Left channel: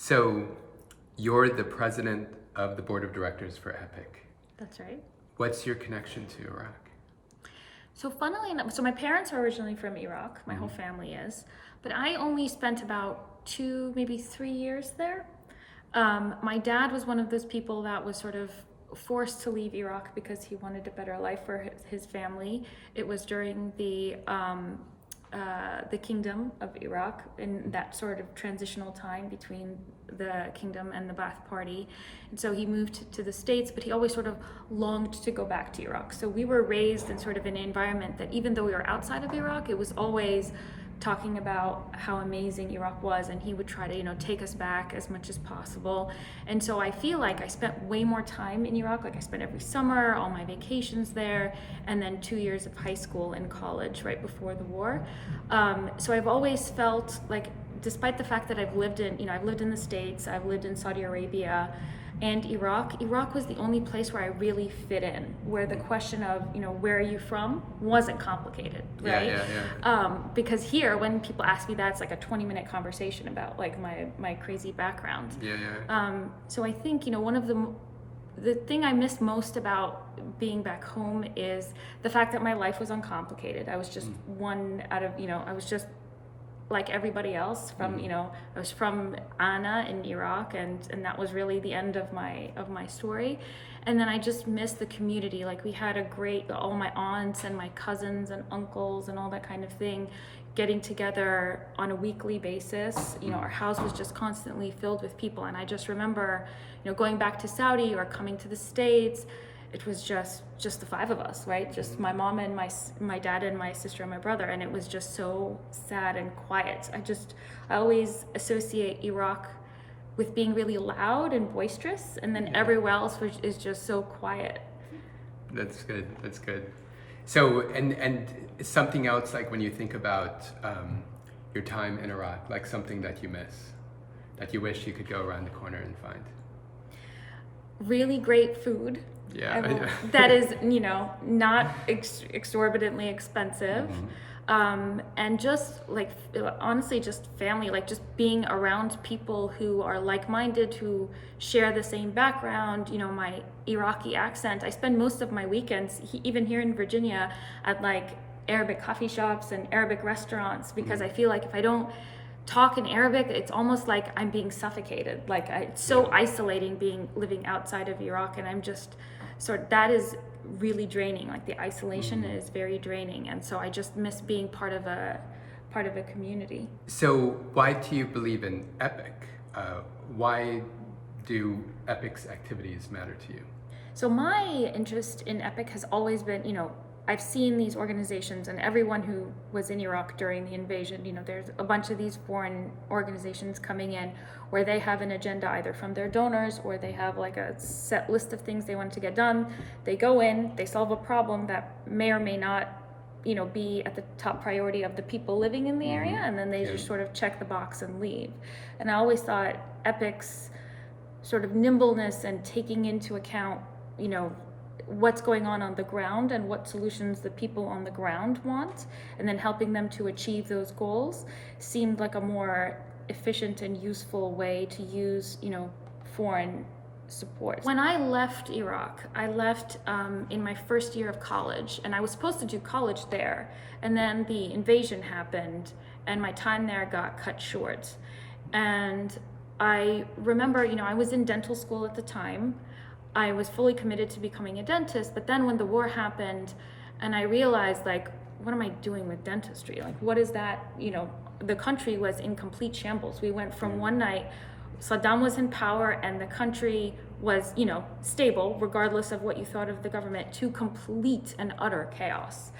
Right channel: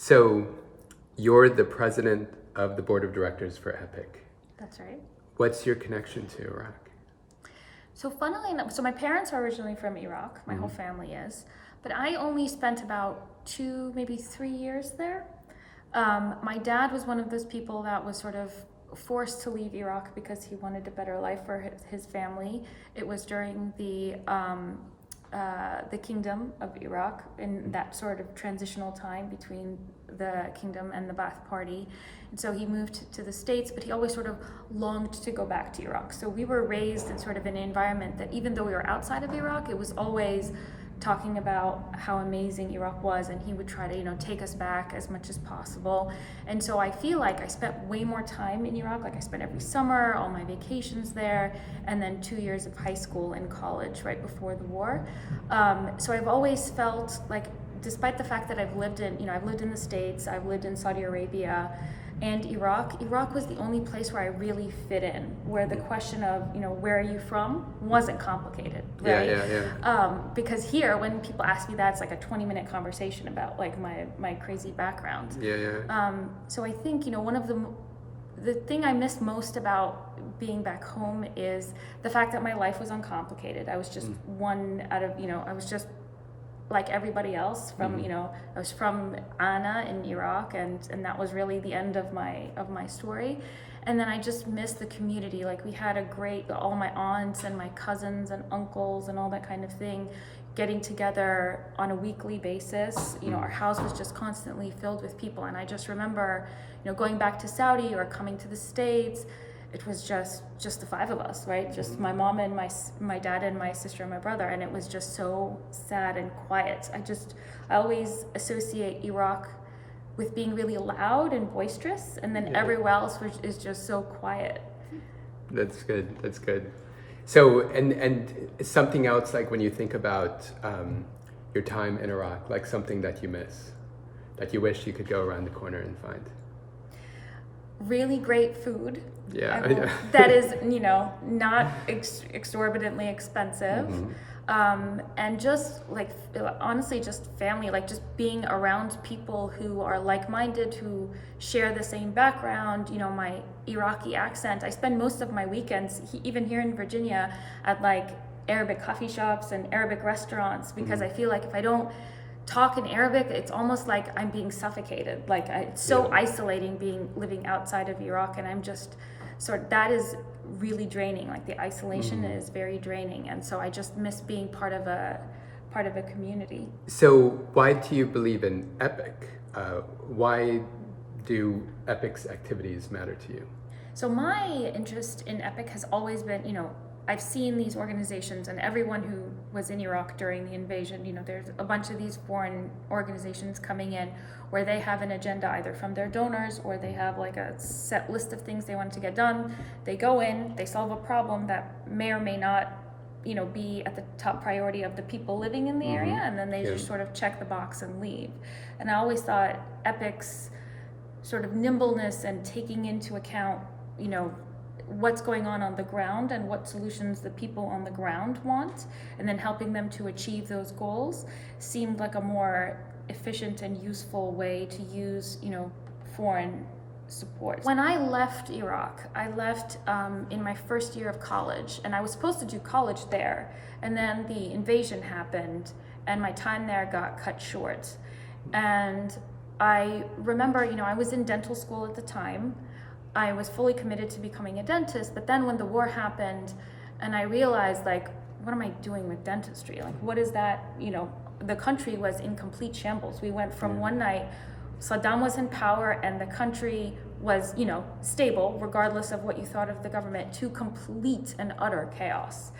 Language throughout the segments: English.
So you're the president of the board of directors for EPIC. That's right. What's your connection to Iraq? So funnily enough, so my parents are originally from Iraq, my whole family is, but I only spent about 2, maybe 3 years there. My dad was one of those people that was sort of forced to leave Iraq because he wanted a better life for his family. It was during the Kingdom of Iraq, in that sort of transitional time between the kingdom and the Ba'ath Party. And so he moved to the States, but he always sort of longed to go back to Iraq. So we were raised in sort of an environment that even though we were outside of Iraq, it was always talking about how amazing Iraq was, and he would try to, take us back as much as possible. And so I feel like I spent way more time in Iraq. Like I spent every summer, all my vacations there, and then 2 years of high school and college right before the war. So I've always felt like, despite the fact that I've lived in the States, I've lived in Saudi Arabia, and Iraq was the only place where I really fit in, where the question of, where are you from wasn't complicated, right? Yeah. Because here, when people ask me that, it's like a 20-minute conversation about like my crazy background. So I think, one of the thing I missed most about being back home is the fact that my life was uncomplicated. I was just one out of, I was just like everybody else from, I was from Anna in Iraq, and that was really the end of my story. And then I just missed the community. Like we had all my aunts and my cousins and uncles and all that kind of thing getting together on a weekly basis. Our house was just constantly filled with people. And I just remember, going back to Saudi or coming to the States, it was just the 5 of us, right? Just my mom and my dad and my sister and my brother, and it was just so sad and quiet. I always associate Iraq with being really loud and boisterous, and then everywhere else is just so quiet. That's good. So, and something else, like when you think about your time in Iraq, like something that you miss, that you wish you could go around the corner and find. Really great food. That is, not exorbitantly expensive. And just like, honestly, just family, like just being around people who are like-minded, who share the same background, my Iraqi accent. I spend most of my weekends, even here in Virginia, at like Arabic coffee shops and Arabic restaurants, because I feel like if I don't talk in Arabic, it's almost like I'm being suffocated. Like it's so isolating living outside of Iraq, and I'm just that is really draining. Like the isolation is very draining, and so I just miss being part of a community. So why do you believe in EPIC? Why do EPIC's activities matter to you? So my interest in EPIC has always been, I've seen these organizations, and everyone who was in Iraq during the invasion, there's a bunch of these foreign organizations coming in where they have an agenda either from their donors, or they have like a set list of things they want to get done. They go in, they solve a problem that may or may not, be at the top priority of the people living in the area, and then they just sort of check the box and leave. And I always thought EPIC's sort of nimbleness and taking into account, what's going on the ground and what solutions the people on the ground want, and then helping them to achieve those goals seemed like a more efficient and useful way to use, foreign support. When I left Iraq, I left in my first year of college, and I was supposed to do college there, and then the invasion happened and my time there got cut short. And I remember, I was in dental school at the time. I was fully committed to becoming a dentist, but then when the war happened and I realized, like, what am I doing with dentistry? Like, what is that? The country was in complete shambles. We went from one night, Saddam was in power and the country was, stable, regardless of what you thought of the government, to complete and utter chaos.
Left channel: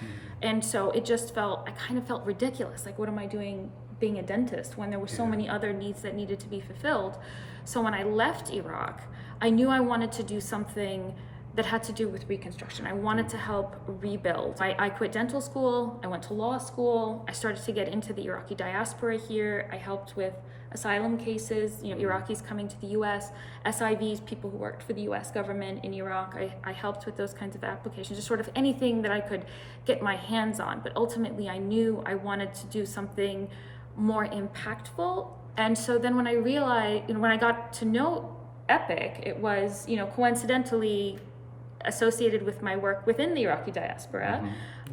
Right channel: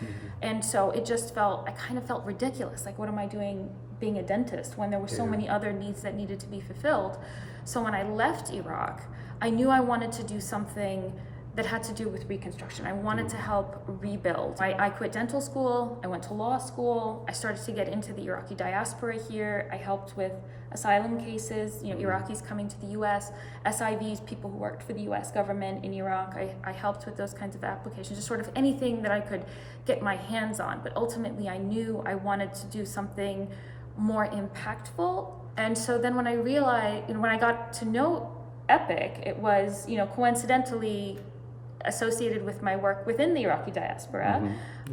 And so it just I kind of felt ridiculous. Like, what am I doing being a dentist when there were so many other needs that needed to be fulfilled? So when I left Iraq, I knew I wanted to do something that had to do with reconstruction. I wanted to help rebuild. I quit dental school, I went to law school, I started to get into the Iraqi diaspora here. I helped with asylum cases, Iraqis coming to the US, SIVs, people who worked for the US government in Iraq. I helped with those kinds of applications, just sort of anything that I could get my hands on. But ultimately I knew I wanted to do something more impactful And so then when I realized, when I got to know EPIC, it was, coincidentally associated with my work within the Iraqi diaspora.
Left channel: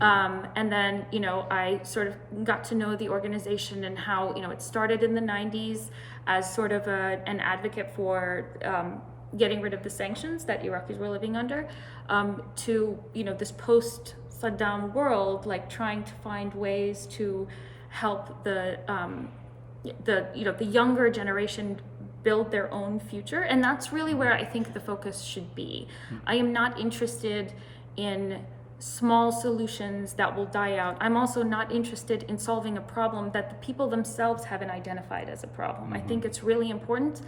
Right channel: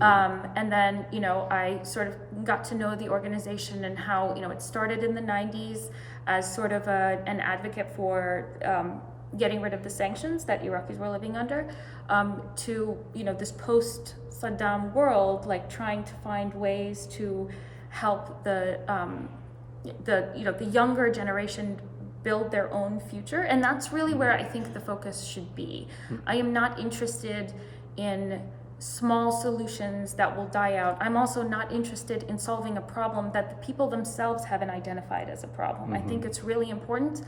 And then, I sort of got to know the organization and how, it started in the 90s as sort of an advocate for getting rid of the sanctions that Iraqis were living under, to, this post-Saddam world, like trying to find ways to help the younger generation build their own future. And that's really where I think the focus should be. I am not interested in small solutions that will die out. I'm also not interested in solving a problem that the people themselves haven't identified as a problem. I think it's really important.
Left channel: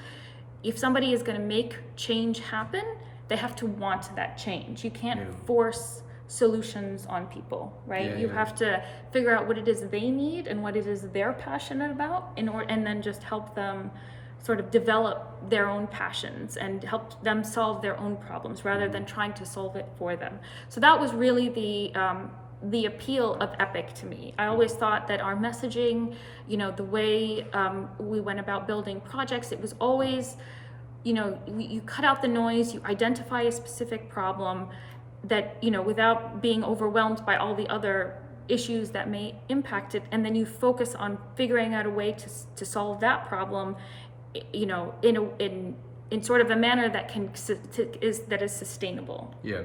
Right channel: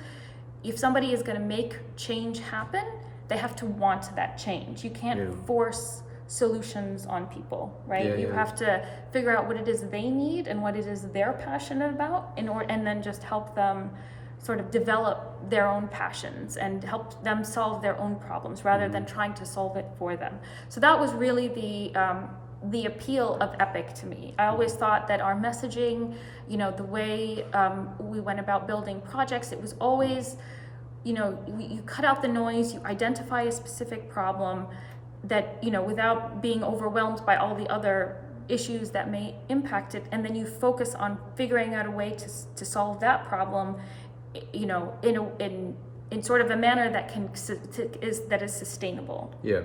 If somebody is going to make change happen, they have to want that change. You can't force solutions on people, right? You have to figure out what it is they need and what it is they're passionate about, and then just help them sort of develop their own passions and help them solve their own problems rather than trying to solve it for them. So that was really the appeal of EPIC to me. I always thought that our messaging, the way we went about building projects, it was always, you cut out the noise, you identify a specific problem that, without being overwhelmed by all the other issues that may impact it, and then you focus on figuring out a way to solve that problem, in sort of a manner that is sustainable. Yeah.